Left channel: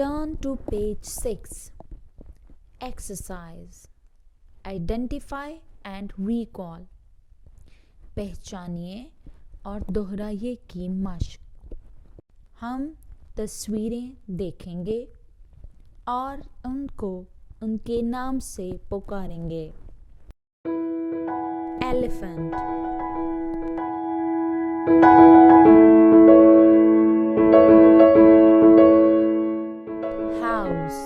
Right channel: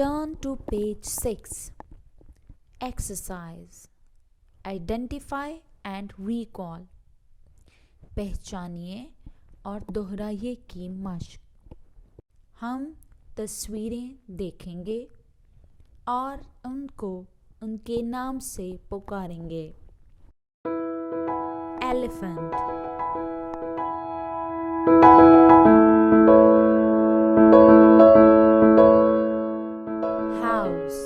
Turn to page 6. Exercise. Identify and recall. पहचानिए और दोहराइए की मशक। हम तस्वीरें देखेंगे और उनको उनके नाम से पुकारेंगे। Elephant, house,